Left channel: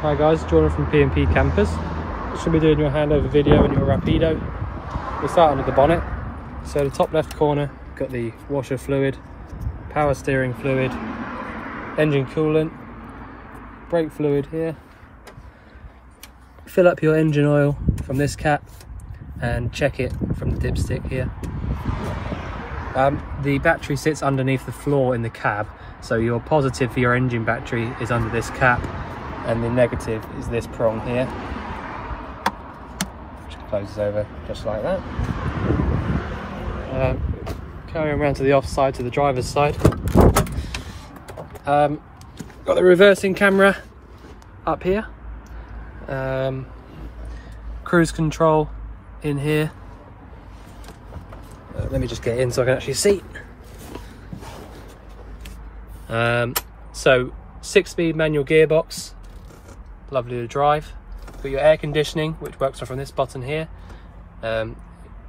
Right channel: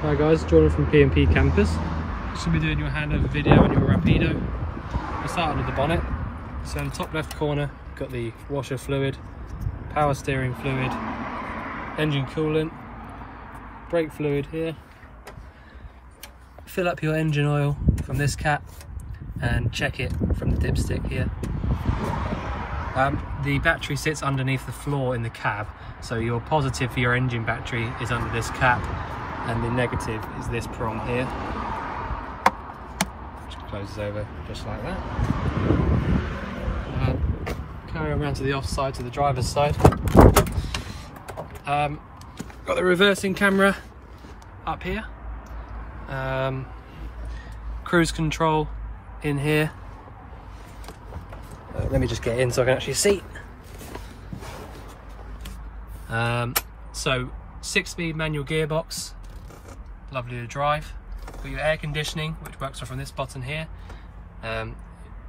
Hi guys, Jordan from P&P Campers. Just going to be doing your handover video on your Rapido. We'll start under the bonnet. So the top left corner, got the washer fluid, power steering fluid, engine coolant, brake fluid here. Fill up your engine oil from this cap and check it from the dipstick here. The battery sits underneath the floor in the cab, so your positive for your engine battery is under this cap and the negative is this prong here, which closes over just like that. Carrying around to the off side, to the driver's side. Got the reversing camera up here, cruise control in here. Let me just get in so I can actually see. So 6-speed manual gearbox, lovely to drive. Got your air conditioning, which works from this button here.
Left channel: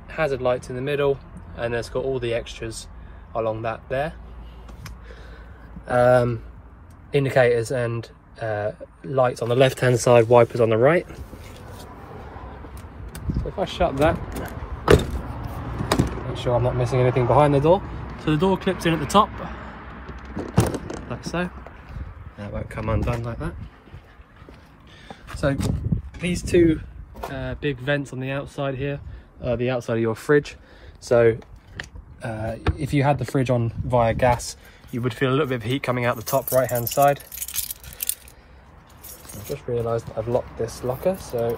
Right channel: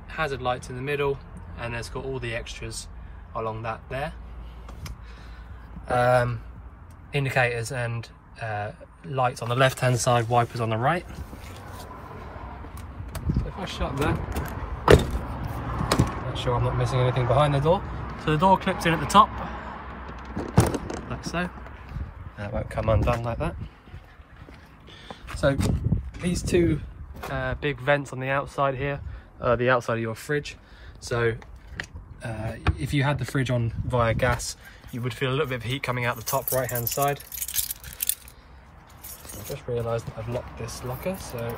Hazard lights in the middle, and it's got all the extras along that there. Indicators and lights on the left hand side, wipers on the right. So if I shut that, make sure I'm not missing anything behind the door. So the door clips in at the top, like so. It won't come undone like that. So these two big vents on the outside here are the outside of your fridge. So if you had the fridge on via gas, you would feel a little bit of heat coming out the top right hand side. I've just realised I've locked this locker, so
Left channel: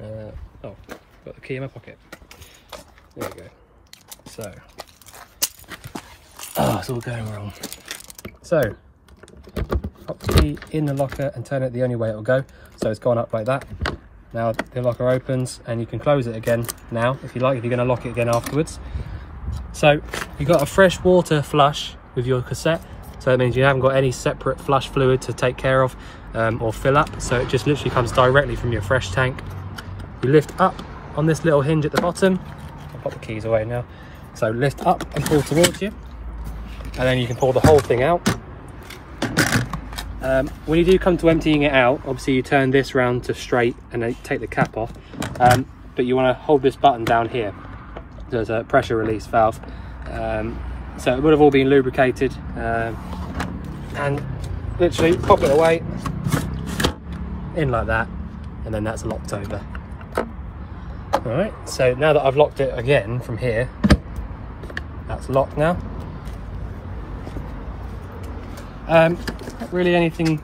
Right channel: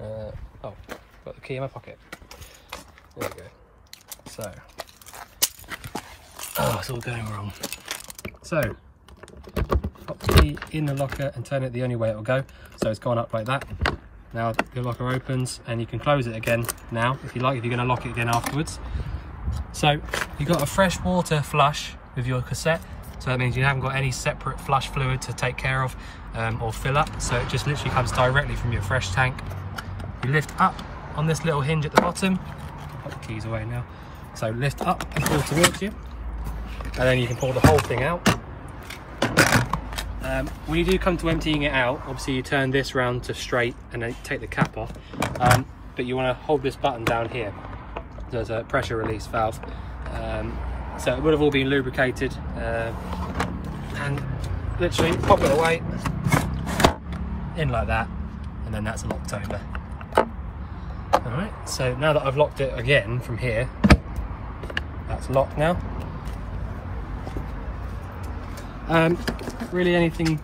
oh, got the key in my pocket. There we go. So it's all going wrong. So pop the key in the locker and turn it the only way it will go. So it's gone up like that. Now the locker opens and you can close it again now if you like, if you're going to lock it again afterwards. So you've got a fresh water flush with your cassette, so that means you haven't got any separate flush fluid to take care of or fill up, so it just literally comes directly from your fresh tank. You lift up on this little hinge at the bottom. I'll put the keys away now. So lift up and pull towards you, and then you can pull the whole thing out. When you do come to emptying it out, obviously you turn this round to straight and then take the cap off, but you want to hold this button down here. There's a pressure release valve, so it would have all been lubricated, and literally pop it away in like that, and then that's locked over. All right, so now that I've locked it again from here, that's locked now. Not really anything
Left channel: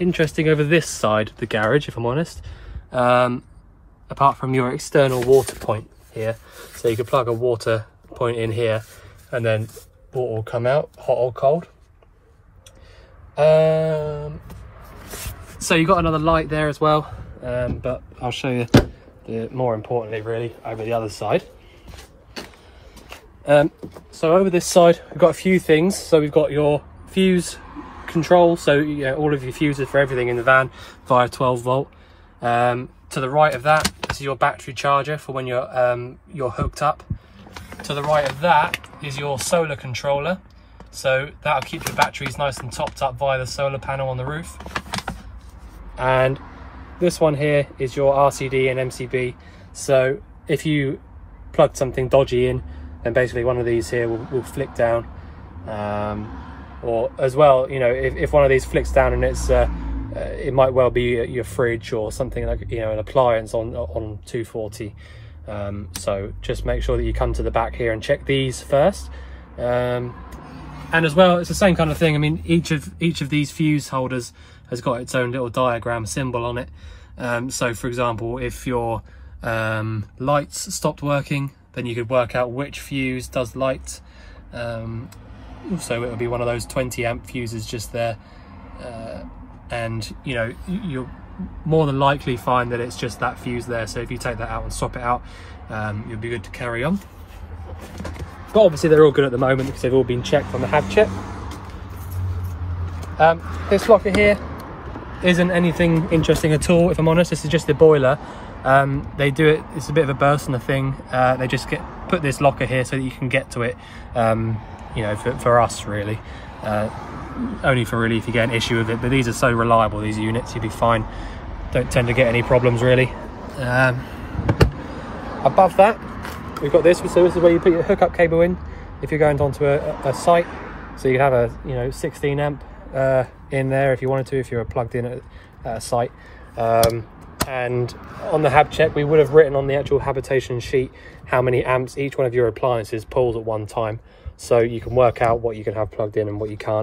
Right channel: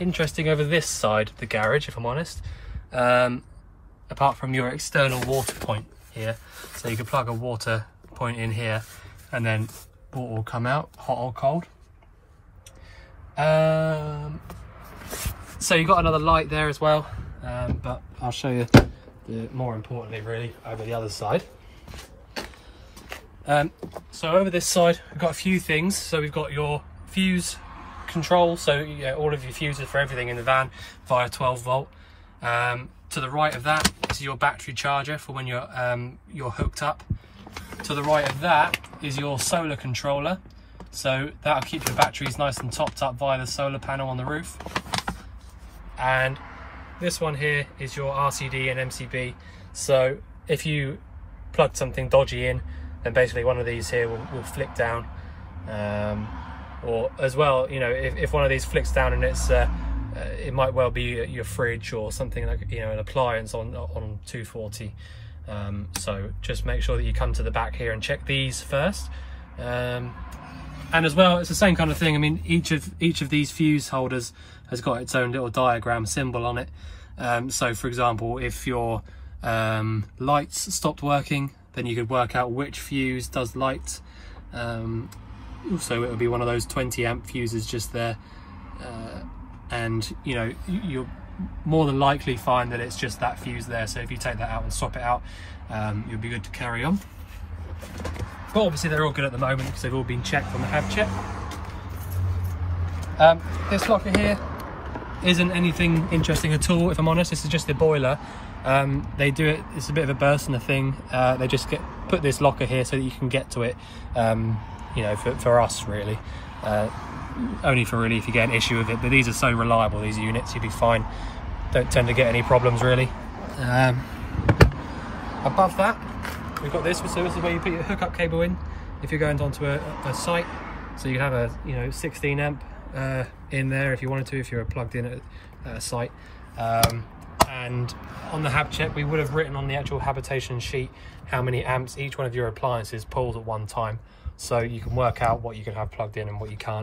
interesting over this side of the garage, if I'm honest, apart from your external water point here. So you can plug a water point in here and then water will come out, hot or cold. So you've got another light there as well, but I'll show you more importantly really over the other side. So over this side we've got a few things. So we've got your fuse control, so yeah, all of your fuses for everything in the van via 12 volt. To the right of that is your battery charger for when you're hooked up. To the right of that is your solar controller, so that'll keep your batteries nice and topped up via the solar panel on the roof. And this one here is your RCD and MCB, so if you plug something dodgy in, then basically one of these here will flick down. Or as well, you know, if one of these flicks down and it's it might well be your fridge or something like, you know, an appliance on 240. So just make sure that you come to the back here and check these first. And as well, it's the same kind of thing. I mean, each of these fuse holders has got its own little diagram symbol on it. So for example, if your lights stopped working, then you could work out which fuse does light. So it will be one of those 20 amp fuses just there, and you know, you'll more than likely find that it's just that fuse there. So if you take that out and swap it out, you'll be good to carry on. But obviously they're all good at the moment because they've all been checked on the HAB check. This locker here isn't anything interesting at all, if I'm honest. This is just the boiler. They do it, it's a bit of a Burstner thing. They just put this locker here so that you can get to it, you know, for us really. Only for really if you get an issue with it, but these are so reliable, these units, you'll be fine. Don't tend to get any problems really. Above that, we've got this, so this is where you put your hookup cable in if you're going onto a site. So you have a, you know, 16 amp in there if you wanted to, if you're plugged in at a site. And on the hab check, we would have written on the actual habitation sheet how many amps each one of your appliances pulls at one time, so you can work out what you can have plugged in and what you can't.